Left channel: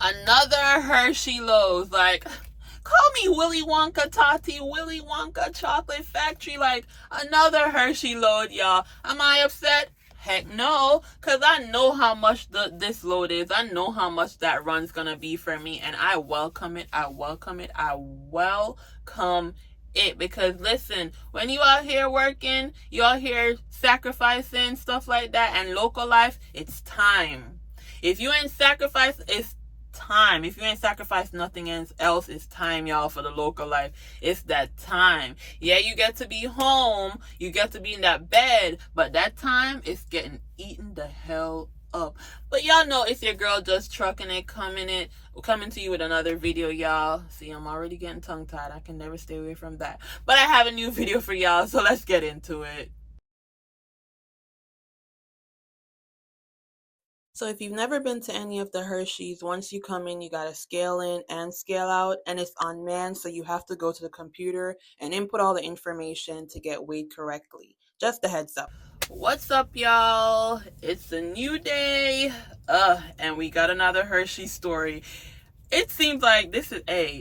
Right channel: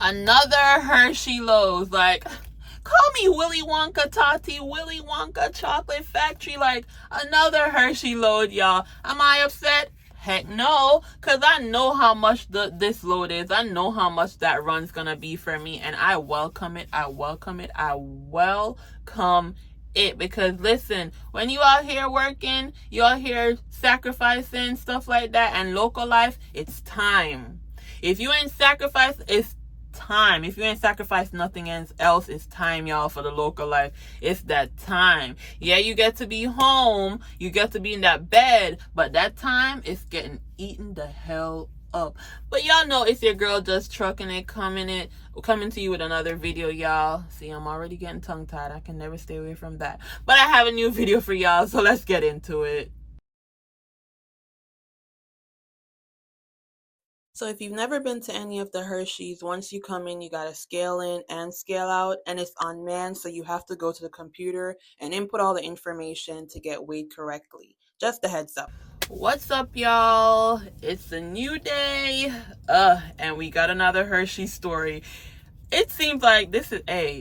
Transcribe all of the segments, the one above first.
Another Hershey loads. Like, call me Willy Wonka Tati, Willy Wonka Chocolate Factory. Like, another Hershey load, y'all. Am I upset? Heck no, because I know how much this load is. I know how much that run's gonna be for me, and I welcome it. I welcome it. I welcome it. Because listen, when you out here working, you out here sacrificing stuff like that, and local life, it's time. If you ain't sacrifice, it's time. If you ain't sacrificed nothing else, it's time, y'all, for the local life. It's that time. Yeah, you get to be home, you get to be in that bed, but that time is getting eaten the hell up. But y'all know it's your girl just trucking it, coming to you with another video, y'all. See, I'm already getting tongue tied. I can never stay away from that. But I have a new video for y'all, so let's get into it. So if you've never been to any of the Hershey's, once you come in, you got to scale in and scale out, and it's unmanned, so you have to go to the computer and input all the information to get weighed correctly. Just a heads up. What's up, y'all? It's a new day, and we got another Hershey story. It seems like this is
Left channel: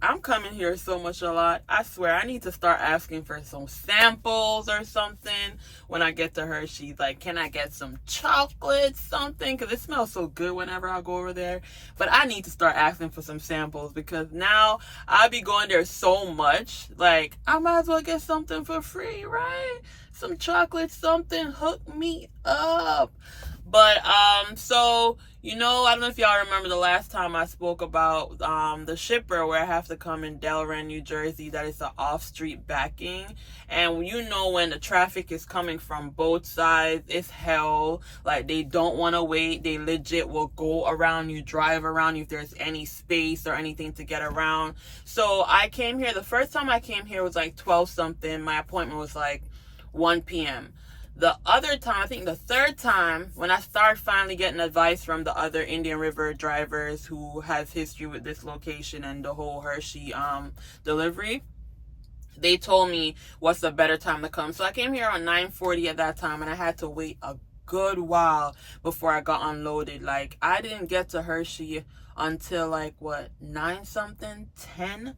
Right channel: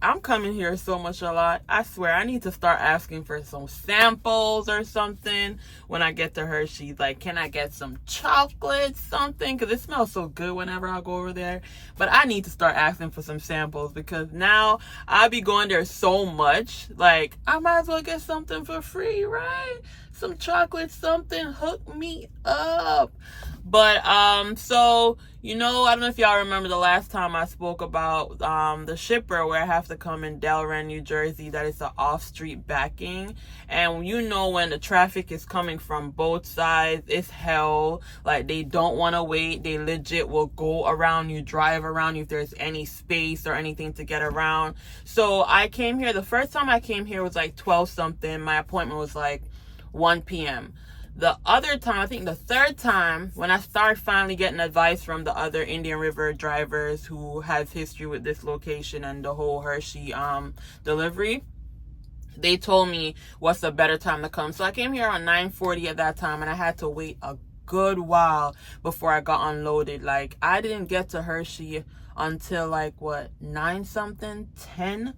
I'm coming here so much a lot. I swear I need to start asking for some samples or something when I get to Hershey's. Like, can I get some chocolate, something? Because it smells so good whenever I go over there. But I need to start asking for some samples, because now I be going there so much. Like, I might as well get something for free, right? Some chocolate, something, hook me up. But so I don't know if y'all remember the last time I spoke about the shipper, where I have to come in Delran, New Jersey, that is the off-street backing. And when the traffic is coming from both sides, it's hell. Like, they don't want to wait. They legit will go around you, drive around you if there's any space or anything to get around. So I came here, the first time I came here was like 12 something. My appointment was like 1 p.m. The other time, I think the third time, when I started finally getting advice from the other Indian River drivers who has history with this location and the whole Hershey delivery, they told me what's a better time to come. So I came here around 9:40 at that time, and I had to wait a good while before I got unloaded. Like, I didn't get to Hershey until 9 something, 10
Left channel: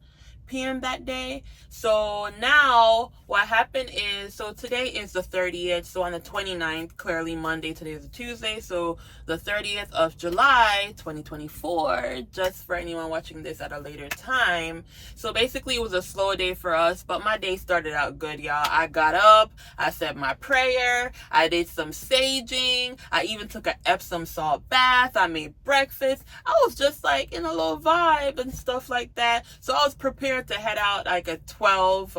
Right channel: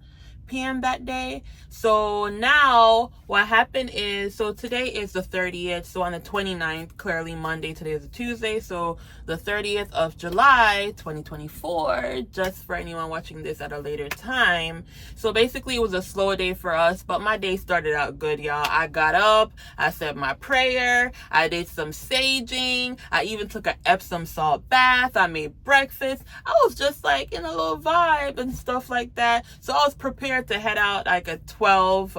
p.m. that day. So now what happened is, so today is the 30th, so on the 29th, clearly Monday, today is a Tuesday, so the 30th of July 2024, just for anyone watching this at a later time. So basically it was a slow day for us, but my day started out good, y'all. I got up, I said my prayer, I did some saging, I even took an Epsom salt bath, I made breakfast. I was just like in a little vibe and stuff like that. So I was prepared to head out like at 12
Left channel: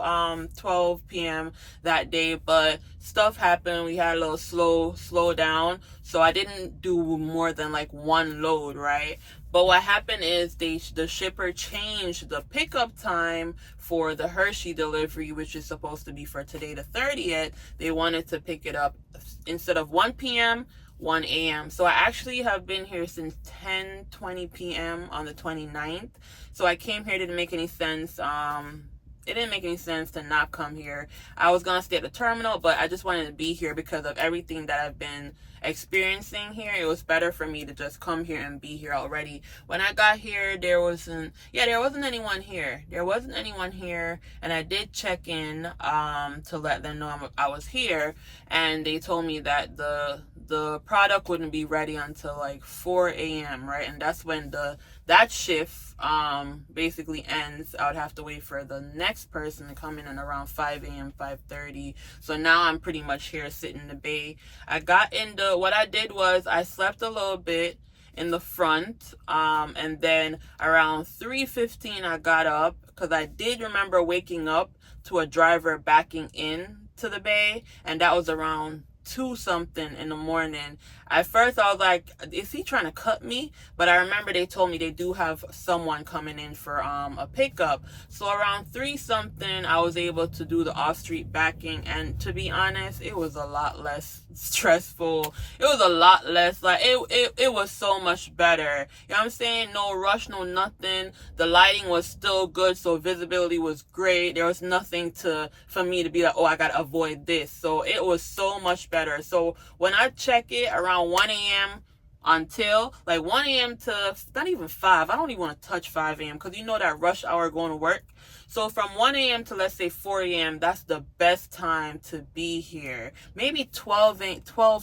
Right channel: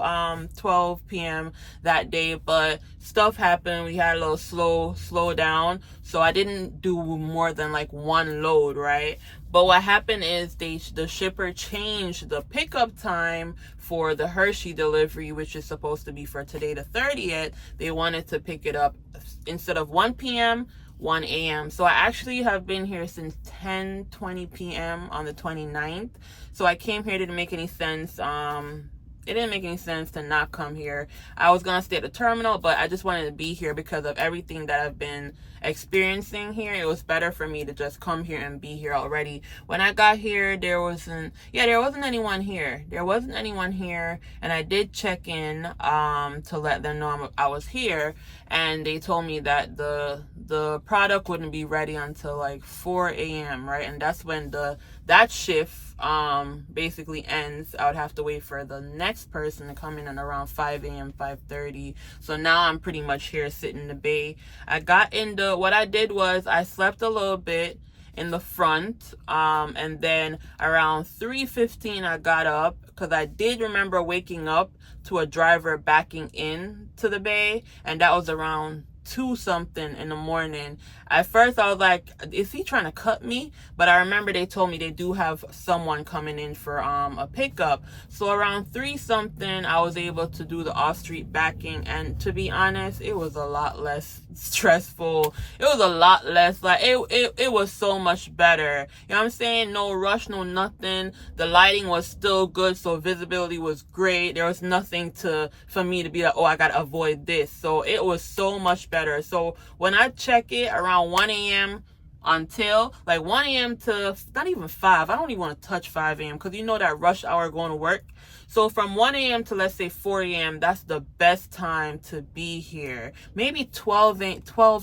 p.m. that day, but stuff happened. We had a little slow down, so I didn't do more than like one load, right? But what happened is the shipper changed the pickup time for the Hershey delivery, which is supposed to be for today, the 30th. They wanted to pick it up instead of 1 p.m., 1 a.m. So I actually have been here since 10:20 p.m. on the 29th. So I came here. Didn't make any sense. It didn't make any sense to not come here. I was gonna stay at the terminal, but I just wanted to be here because of everything that I've been experiencing here. It was better for me to just come here and be here already. When I got here, there wasn't anyone here. There wasn't anyone here, and I did check in to let them know I was here, and they told me that the product wouldn't be ready until like 4 a.m. right? And that's when that shift basically ends. I would have to wait for the next person to come in at around 5 a.m., 5:30. So now I'm pretty much here sitting in the bay. What I did was I slept a little bit in the front, and then around 3:15 I got up, because I did remember waking up to a driver backing in to the bay, and that was around 2 something in the morning. At first I was like, is he trying to cut me? But I remember they told me they do have someone coming in for a pickup. So around 3 something I was able to do the off-street backing, and to be honest, it was a lot less stressful. It was a lot less, like, it was so much better. You know what I'm saying? No rush, no nothing. The lighting was still good, so visibility was great. There was nothing for me to be like, oh, I gotta avoid this. So it was so much better. So when I check it around 1 a.m., until like 1 a.m. to not even 5. I don't even want to touch 5 a.m. because you know that rush hour going to work. So from 1 a.m. to let's say 4 a.m., that's the best time to be here. Maybe 12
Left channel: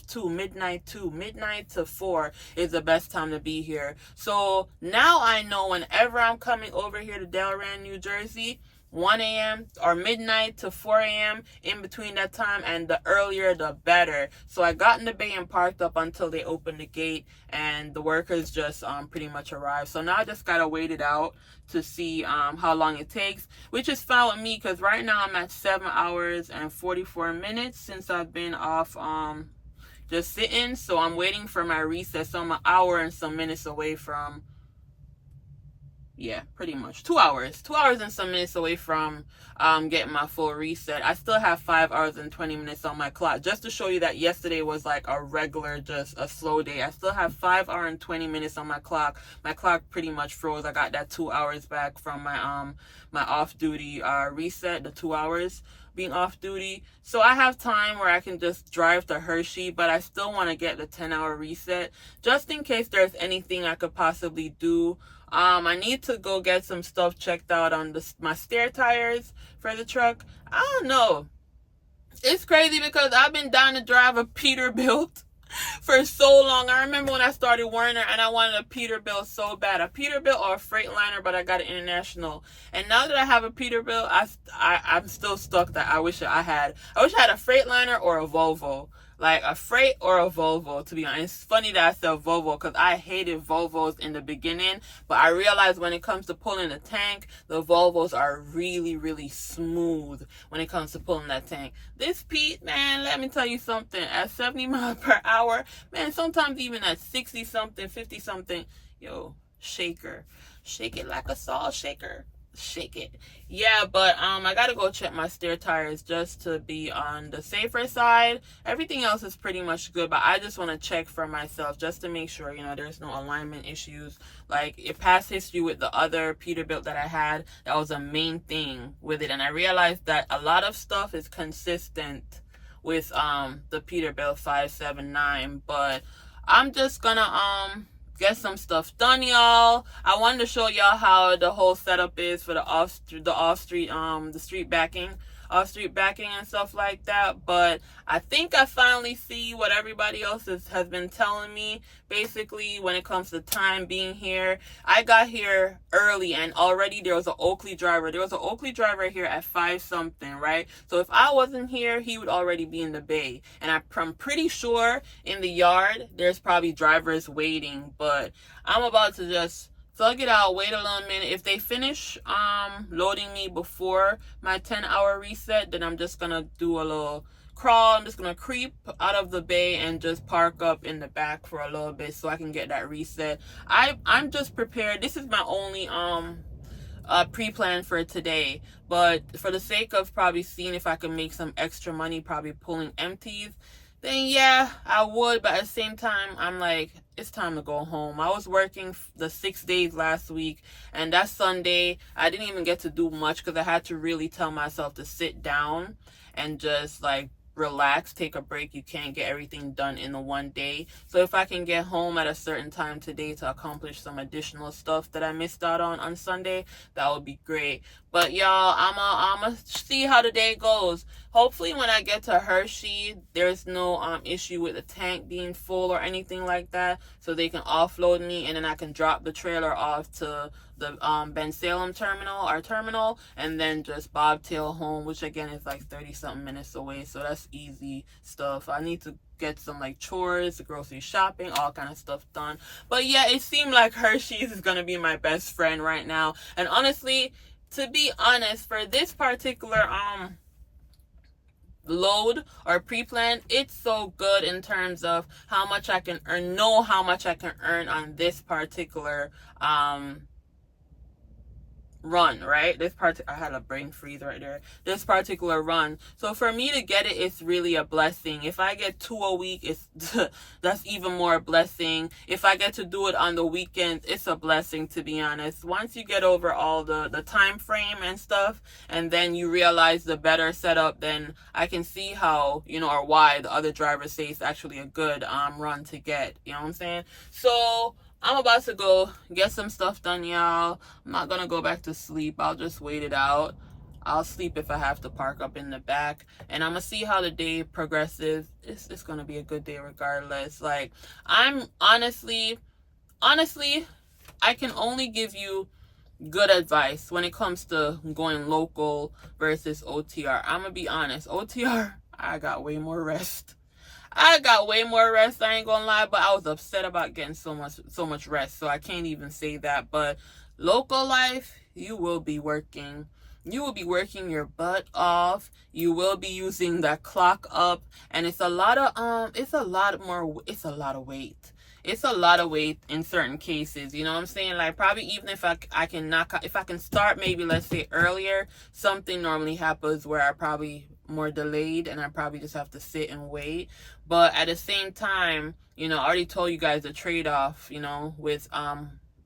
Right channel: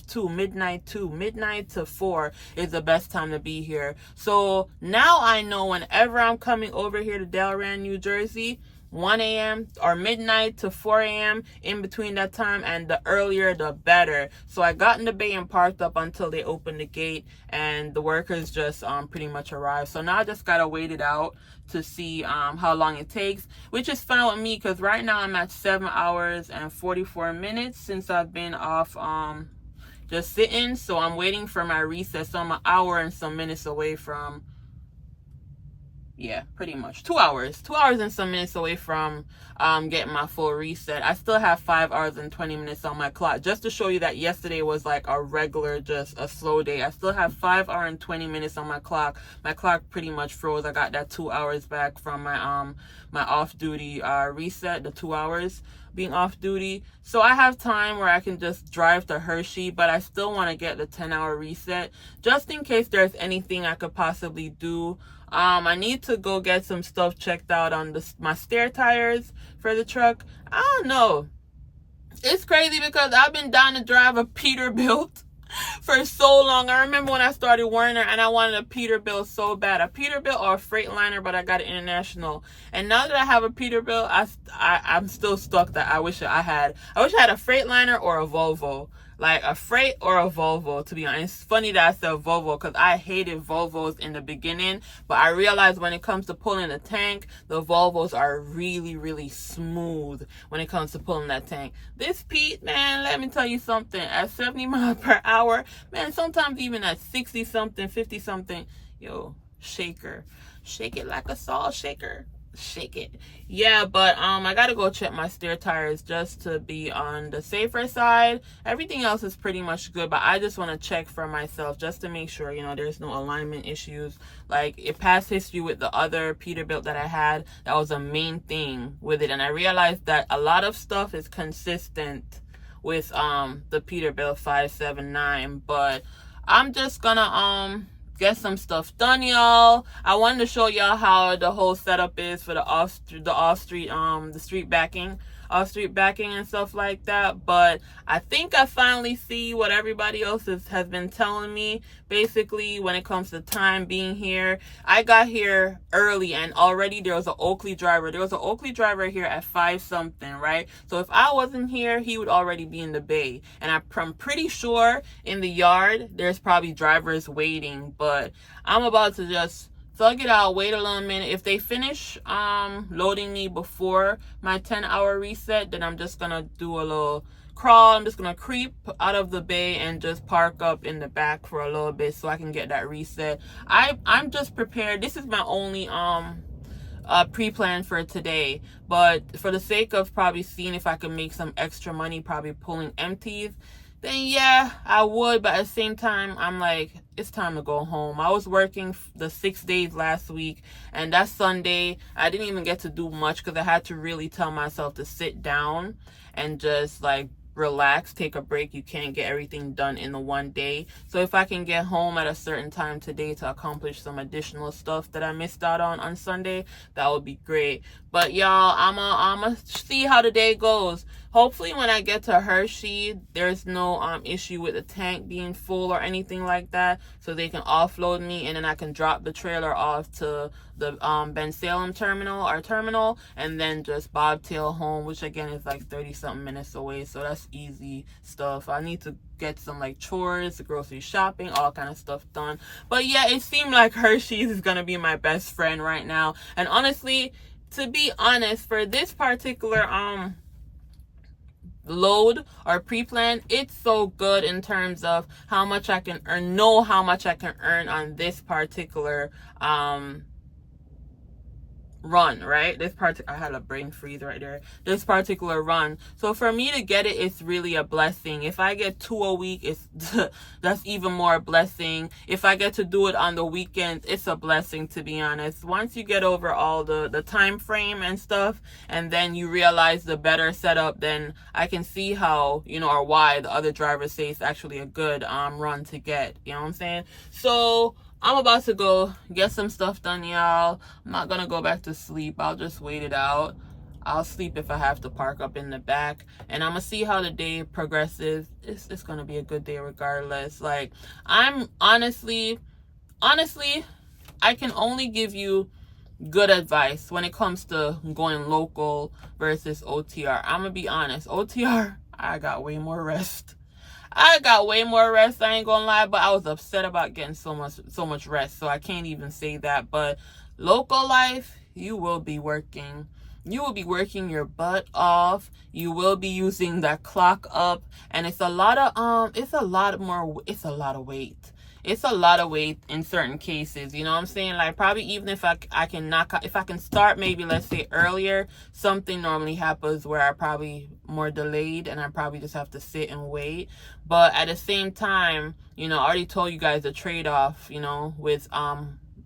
to midnight to 4 is the best time to be here. So now I know whenever I'm coming over here to Delran, New Jersey, 1 a.m. or midnight to 4 a.m. in between that time, and the earlier the better. So I got in the bay and parked up until they opened the gate, and the workers just pretty much arrived. So now I just gotta wait it out to see how long it takes, which is fine with me because right now I'm at 7 hours and 44 minutes since I've been off just sitting. So I'm waiting for my recess. So I'm an hour and some minutes away from, yeah, pretty much 2 hours and some minutes away from getting my full reset. I still have 5 hours and 20 minutes on my clock, just to show you that yesterday was like a regular, just a slow day. I still have 5 hours and 20 minutes on my clock. My clock pretty much froze. I got that 2 hours back from my my off-duty reset, the 2 hours being off duty. So I have time where I can just drive to Hershey, but I still want to get the 10-hour reset just in case there's anything I could possibly do. I need to go get some stuff checked out on my stair tires for the truck. I don't know. It's crazy because I've been down to drive a Peterbilt for so long. I remember when I started Werner and I wanted a Peterbilt so bad. A Peterbilt or a Freightliner, but I got an International. And now that I have a Peterbilt, I'm still stuck that I wish I had a Freightliner or a Volvo. Like a Freight or a Volvo, to be honest. It's funny that I said Volvo because I hated Volvos in the beginning, but I realized when it comes to pulling the tank, the Volvos are really, really smooth when it comes to pulling that tank. This Pete, man, let me tell you something. At 70 miles per hour, man, sometimes even at 60 something, 50 something, yo, shaker. Shake it like a salt shaker. Shake it. Yeah, but I gotta go check my stair tires just to be on the safer side. Everything else is pretty much good, but I just want to check for myself just to make sure, you know, there's no alignment issues. Like past history with the other Peterbilt that I had, that was a main thing with it, and I realized that a lot of stuff is consistent with the Peterbilt 579. But I'm just gonna get some stuff done, y'all. I wanted to show y'all how the whole setup is for the street backing and stuff like that. But I think I finally see what everybody else has been telling me. Basically, when it comes to time being here, I got here early and already there was an Oakley driver. There was an Oakley driver here at 5 something, right? So if I wasn't here, he would already be in the bay. And I'm pretty sure in the yard, there's probably drivers waiting. But I'm about to just thug it out, wait a little minute. If they finish loading me before my 10-hour reset, then I'm just gonna do a little crawl. I'm just gonna creep out of the bay and just park up in the back for a little bit so I can get that reset. I'm just prepared. This is my only pre-plan for today, but for the sake of probably seeing if I can make some extra money, probably pulling empties, then yeah, I would. But at the same time, I'm like, it's time to go home. I was working the 6 days last week, and that Sunday I didn't even get to do much because I had to really tell myself to sit down and just like relax, take a break. You can't get everything done in the one day. So if I can get home at a certain time today to accomplish some additional stuff that I missed out on Sunday, that would be great. But y'all, I'ma see how the day goes. Hopefully when I get to Hershey, there's no issue with the tank being full or anything like that, so they can offload me and then I can drop the trailer off to the Ben Salem terminal, and then just bobtail home, which again is like 30 something minutes away. So that's easy stuff. I need to get some like chores, grocery shopping, all kind of stuff done. But yeah, it seemed like Hershey's is gonna be my best friend right now. And honestly, to be honest, for this particular load or pre-plan, it's so good in terms of how much I can earn, how much I can earn on this particular run, right? I had a brain freeze right there. This particular run. So for me to get it, it's really a blessing. If I get 2 a week, it's that's even more a blessing. If I get to do it on the weekends, it's a blessing, to be honest. Once you get over all the time frame and stuff, and then you realize the better setup, then I can see how, or why the other drivers say it's actually a good run to get. You know what I'm saying? So I'm about to go get some stuff done, y'all. I'm not gonna go back to sleep. I'll just wait it out. I'll sleep if I have to park up in the back. And I'm gonna see how the day progresses. It's gonna be a good day regardless. Like, I'm honestly, I can only give you good advice when it comes to going local versus OTR. I'm gonna be honest. OTR, I got way more rest. I ain't gonna lie, but I was upset about getting so much rest, so I can't even say that. But local life, you will be working. You will be working your butt off. You will be using that clock up, and it's a lot of weight. It's a lot of weight in certain cases, you know what I'm saying? Like, probably even if I can if I can start maybe, let's say, earlier, something normally happens where I probably more delayed and I probably just have to sit and wait. But at the same time, I already told you guys the trade-off, with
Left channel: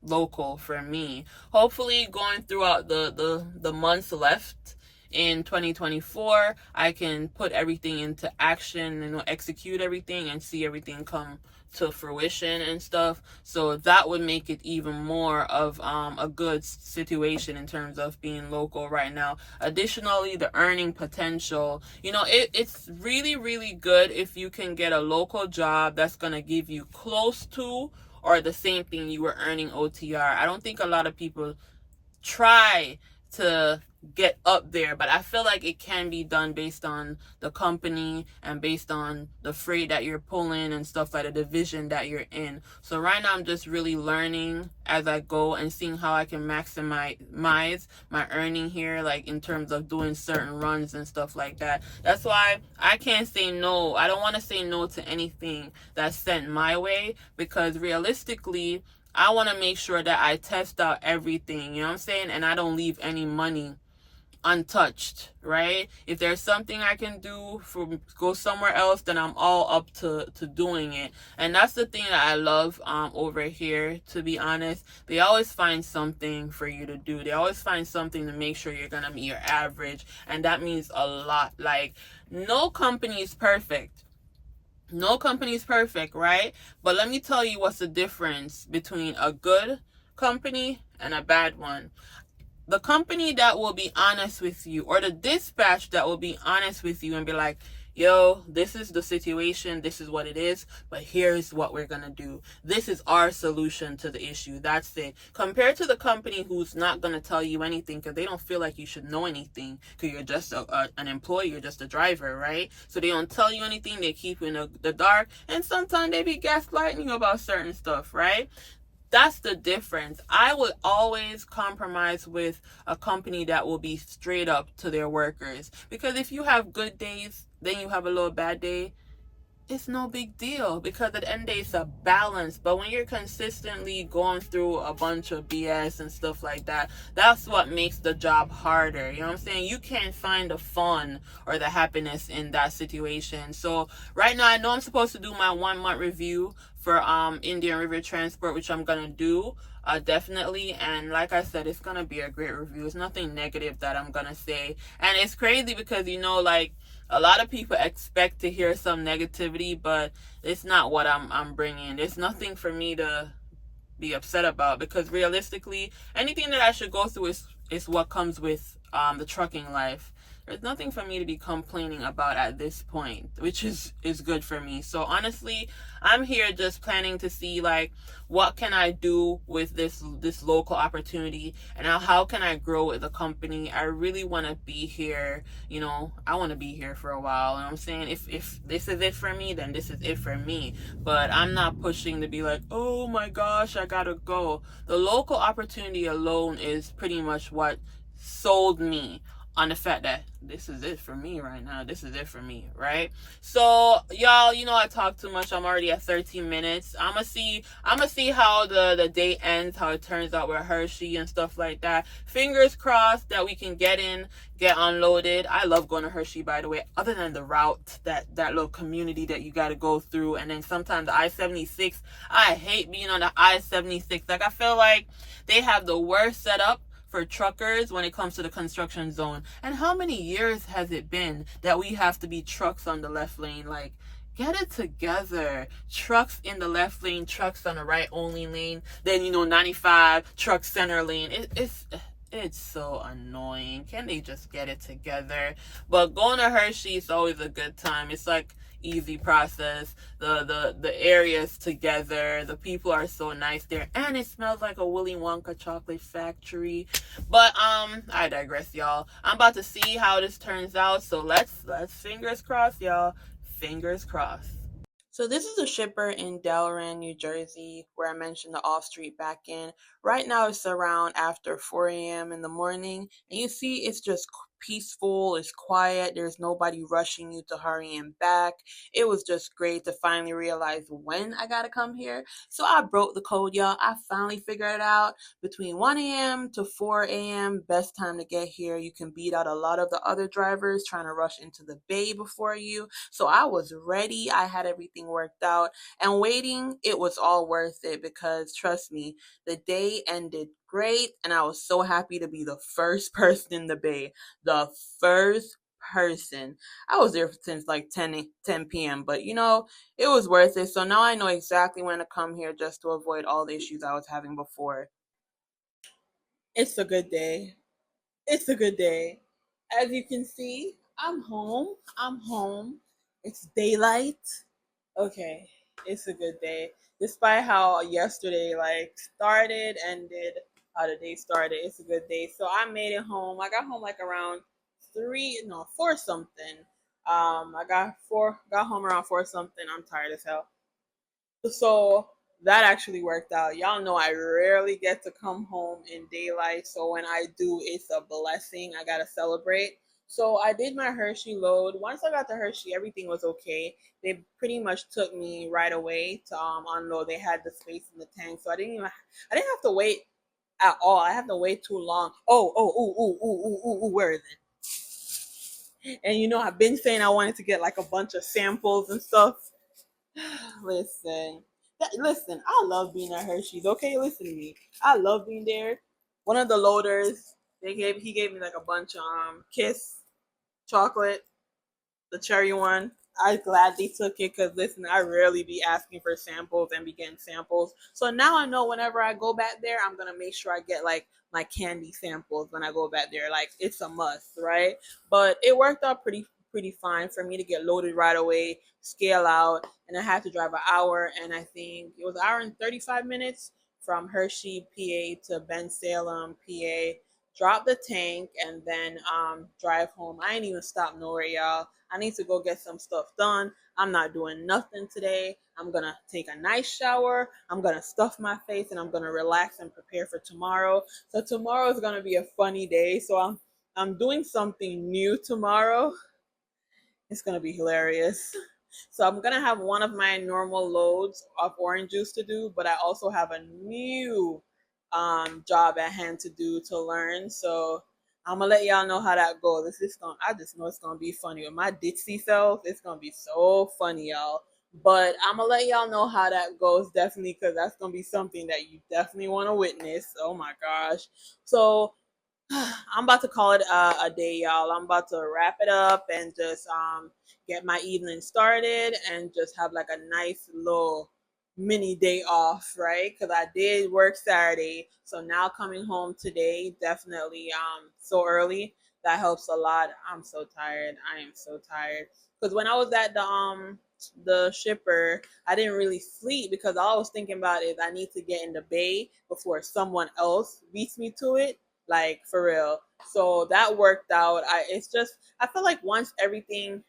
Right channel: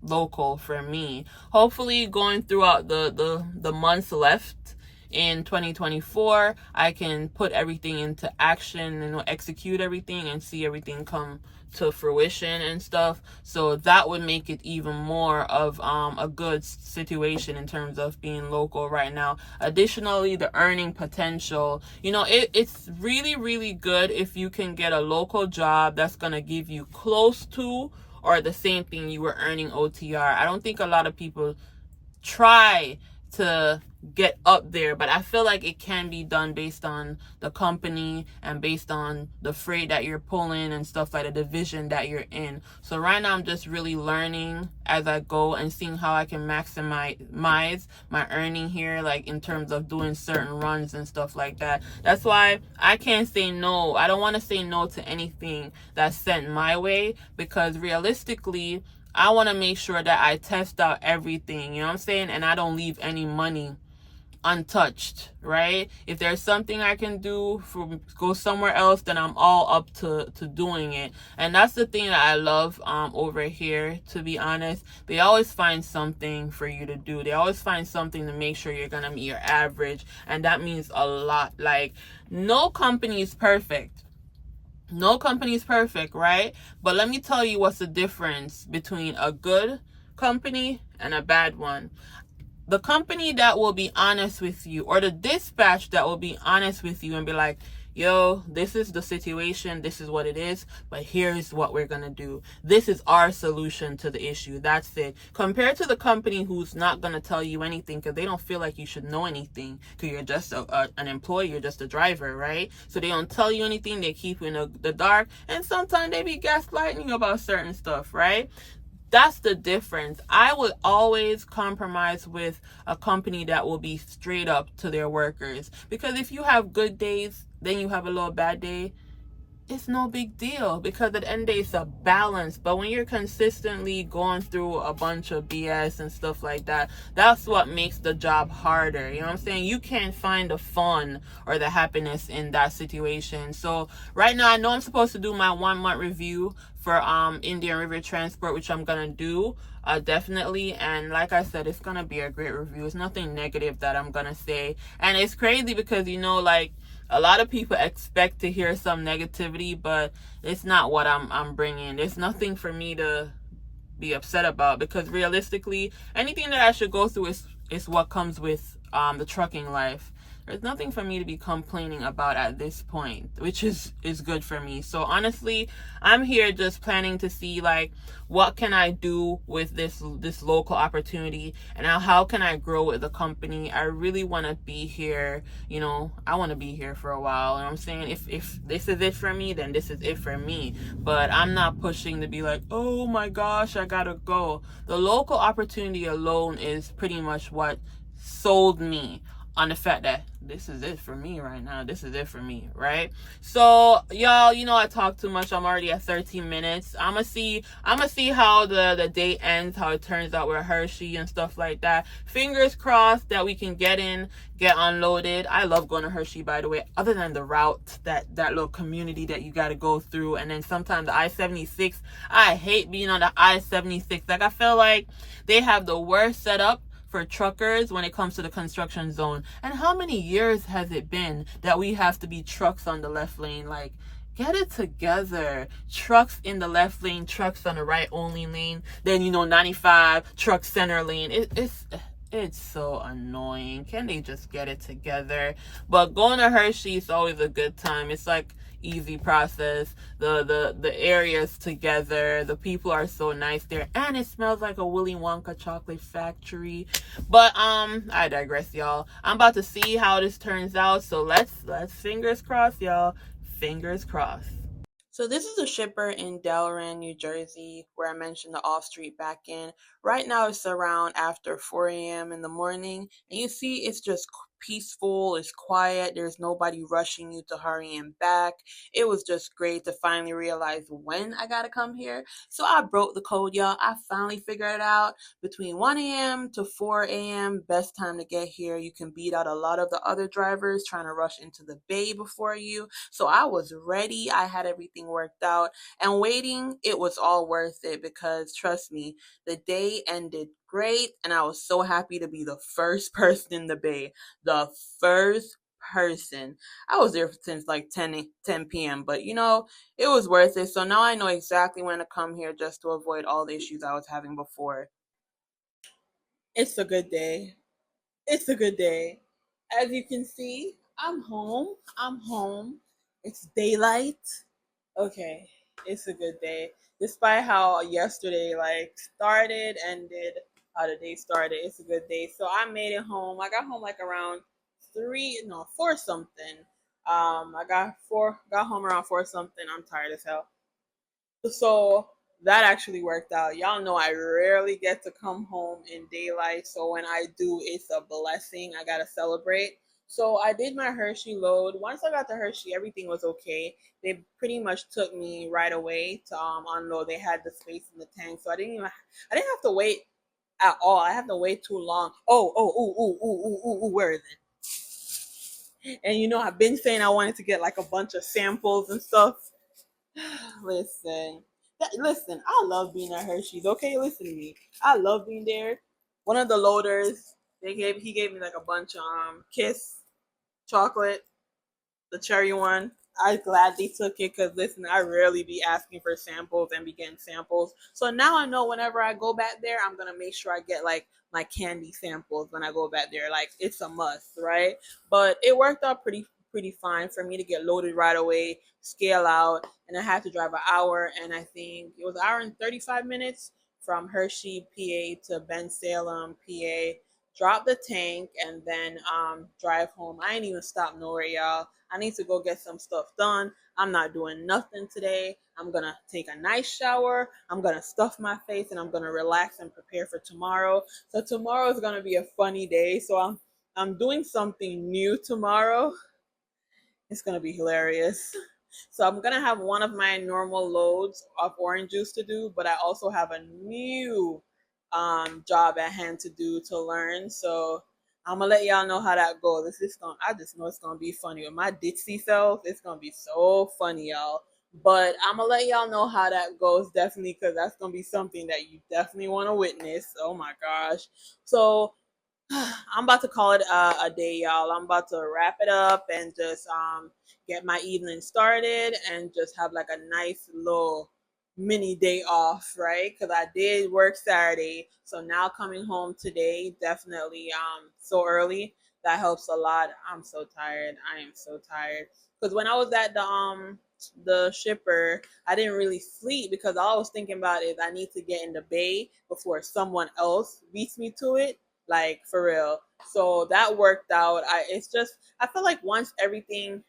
local for me. Hopefully going throughout the months left in 2024, I can put everything into action, execute everything and see everything come to fruition and stuff. So that would make it even more of a good situation in terms of being local right now. Additionally, the earning potential, it's really, really good if you can get a local job that's going to give you close to or the same thing you were earning OTR. I don't think a lot of people try to get up there, but I feel like it can be done based on the company and based on the freight that you're pulling and stuff, like the division that you're in. So right now I'm just really learning as I go and seeing how I can maximize my earning here, like in terms of doing certain runs and stuff like that. That's why I can't say no. I don't want to say no to anything that's sent my way, because realistically I want to make sure that I test out everything, you know what I'm saying? And I don't leave any money untouched, right? If there's something I can do for go somewhere else, then I'm all up to doing it. And that's the thing that I love over here, to be honest. They always find something for you to do. They always find something to make sure you're gonna meet your average, and that means a lot. Like, no company is perfect. No company is perfect, right? But let me tell you what's the difference between a good company and a bad one. The company that will be honest with you, or the dispatch that will be honest with you and be like, yo, this is the situation, this is what it is, but here's what we're gonna do. This is our solution to the issue. That's it. Compared to the company who's not gonna tell you anything because they don't feel like you should know anything, because you're just an employee, you're just a driver, right? So they don't tell you anything, they keep you in the dark, and sometimes they be gaslighting you about certain stuff, right? That's the difference. I would always compromise with a company that will be straight up to their workers. Because if you have good days, then you have a little bad day, it's no big deal, because at the end of the day, it's a balance. But when you're consistently going through a bunch of BS and stuff like that, that's what makes the job harder. You know what I'm saying? You can't find the fun or the happiness in that situation. So right now, I know I'm supposed to do my 1 month review for Indian River Transport, which I'm gonna do definitely. And like I said, it's gonna be a great review. It's nothing negative that I'm gonna say. And it's crazy because, like, a lot of people expect to hear some negativity, but it's not what I'm bringing. There's nothing for me to be upset about, because realistically, anything that I should go through is what comes with the trucking life. There's nothing for me to be complaining about at this point, which is good for me. So honestly, I'm here just planning to see, like, what can I do with this local opportunity, and how can I grow with the company. I really want to be here. I want to be here for a while. You know what I'm saying? If this is it for me, then this is it for me. But I'm not pushing to be like, oh my gosh, I gotta go. The local opportunity alone is pretty much what sold me on the fact that this is it for me right now. This is it for me, right? So y'all, I talk too much. I'm already at 13 minutes. I'm gonna see how the day ends, how it turns out with Hershey and stuff like that. Fingers crossed that we can get unloaded. I love going to Hershey, by the way, other than the route, that little community that you got to go through. And then sometimes the I-76, I hate being on the I-76. Like, I feel like they have the worst setup for truckers when it comes to the construction zone. And how many years has it been that we have to be trucks on the left lane? Like, get it together. Trucks in the left lane, trucks on the right only lane. Then 95 truck center lane. It's so annoying. Can they just get it together? But going to Hershey is always a good time. It's like easy process. The areas together. The people are so nice there, and it smells like a Willy Wonka chocolate factory. But I digress, y'all. I'm about to see how this turns out. So let's fingers crossed, y'all. Fingers crossed. So this is a shipper in Delran, New Jersey, where I mentioned the off-street back in. Right now it's around after 4 a.m. in the morning, and you see it's just peaceful, it's quiet, there's nobody rushing you to hurry him back. It was just great to finally realize when I gotta come here. So I broke the code, y'all. I finally figured it out. Between 1 a.m. to 4 a.m., best time to get here. You can beat out a lot of the other drivers trying to rush into the bay before you. So I was ready. I had everything worked out. And waiting, it was all worth it because trust me, the day ended great. And I was so happy to be the first person in the bay. The first person. I was there since like 10 p.m. But it was worth it. So now I know exactly when to come here just to avoid all the issues I was having before. It's a good day. It's a good day. As you can see, I'm home. I'm home. It's daylight. Okay, it's a good day. Despite how yesterday started, ended, how the day started, it's a good day. So I made it home. I got home like around four something. I got home around four something. I'm tired as hell. So that actually worked out. Y'all know I rarely get to come home in daylight, so when I do, it's a blessing. I gotta celebrate. So I did my Hershey load. Once I got to Hershey, everything was okay. They pretty much took me right away to unload. They had the space in the tank, so I didn't have to wait at all. I have to wait too long. Where is it? And I've been saying I wanted to get like a bunch of samples and stuff. Listen, listen. I love being at Hershey's. Okay, listen to me. I love being there. One of the loaders, he gave me like a bunch of Kiss chocolate, the cherry one. I gladly took it because listen, I rarely be asking for samples and be getting samples. So now I know whenever I go back there, I'm gonna make sure I get like my candy samples when I go back there. Like it's a must, right? But it worked out pretty fine for me to get loaded right away, scale out, and I had to drive an hour and I think it was an hour and 35 minutes from Hershey, PA to Ben Salem, PA. Drop the tank and then drive home. I ain't even stop nowhere, y'all. I need to go get some stuff done. I'm not doing nothing today. I'm gonna take a nice shower. I'm gonna stuff my face and I'm gonna relax and prepare for tomorrow. So tomorrow is gonna be a funny day. So I'm doing something new tomorrow. It's gonna be hilarious. So I'm gonna have one of my normal loads of orange juice to do, but I also have a new job at hand to do to learn. So I'm gonna let y'all know how that goes. I just know it's gonna be funny with my ditzy self. It's gonna be so funny, y'all. But I'm gonna let y'all know how that goes definitely because that's gonna be something that you definitely want to witness. Oh my gosh! So I'm about to call it a day, y'all. I'm about to wrap it up and just get my evening started and just have like a nice little mini day off, right? Because I did work Saturday, so now coming home today definitely so early that helps a lot. I'm so tired. I am so tired because when I was at the shipper, I didn't really sleep because all I was thinking about is I need to get in the bay before someone else beats me to it, like for real. So that worked out. I feel like once everything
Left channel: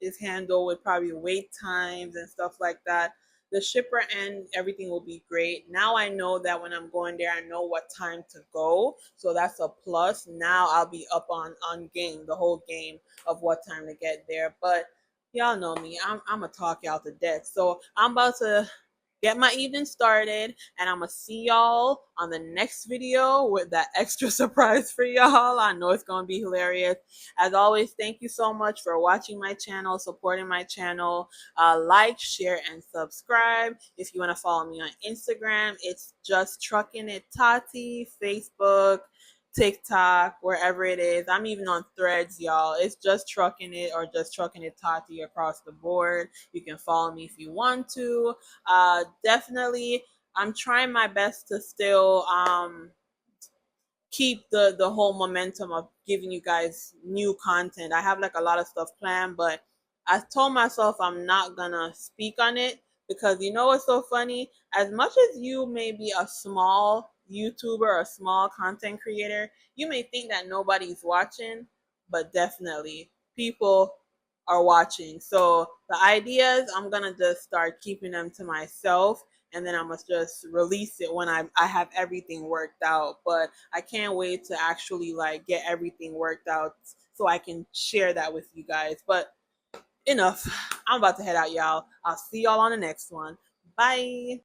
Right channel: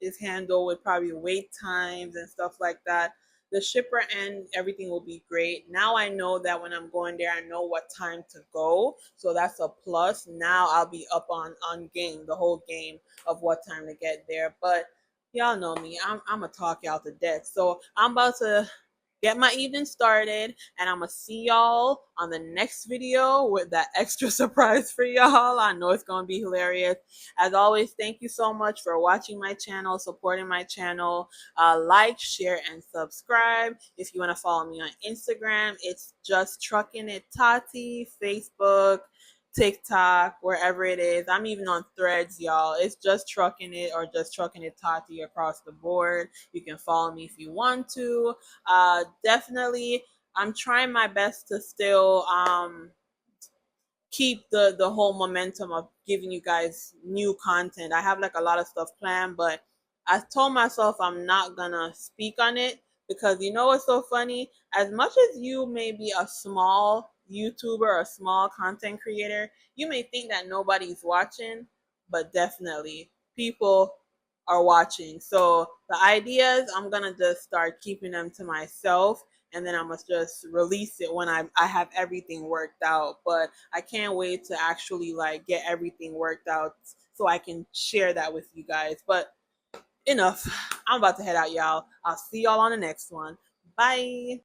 is handled with probably wait times and stuff like that, the shipper and everything will be great. Now I know that when I'm going there, I know what time to go. So that's a plus. Now I'll be up on game, the whole game of what time to get there. But y'all know me. I'm gonna talk y'all to death. So I'm about to get my evening started, and I'm gonna see y'all on the next video with that extra surprise for y'all. I know it's gonna be hilarious. As always, thank you so much for watching my channel, supporting my channel. Like, share, and subscribe. If you want to follow me on Instagram, it's just trucking it Tati. Facebook, TikTok, wherever it is. I'm even on Threads, y'all. It's just trucking it or just trucking it Tati across the board. You can follow me if you want to. Definitely, I'm trying my best to still keep the whole momentum of giving you guys new content. I have like a lot of stuff planned, but I told myself I'm not gonna speak on it because you know what's so funny? As much as you may be a small YouTuber or a small content creator, you may think that nobody's watching, but definitely people are watching. So the ideas, I'm gonna just start keeping them to myself, and then I must just release it when I have everything worked out. But I can't wait to actually like get everything worked out so I can share that with you guys. But enough. I'm about to head out, y'all. I'll see y'all on the next one. Bye.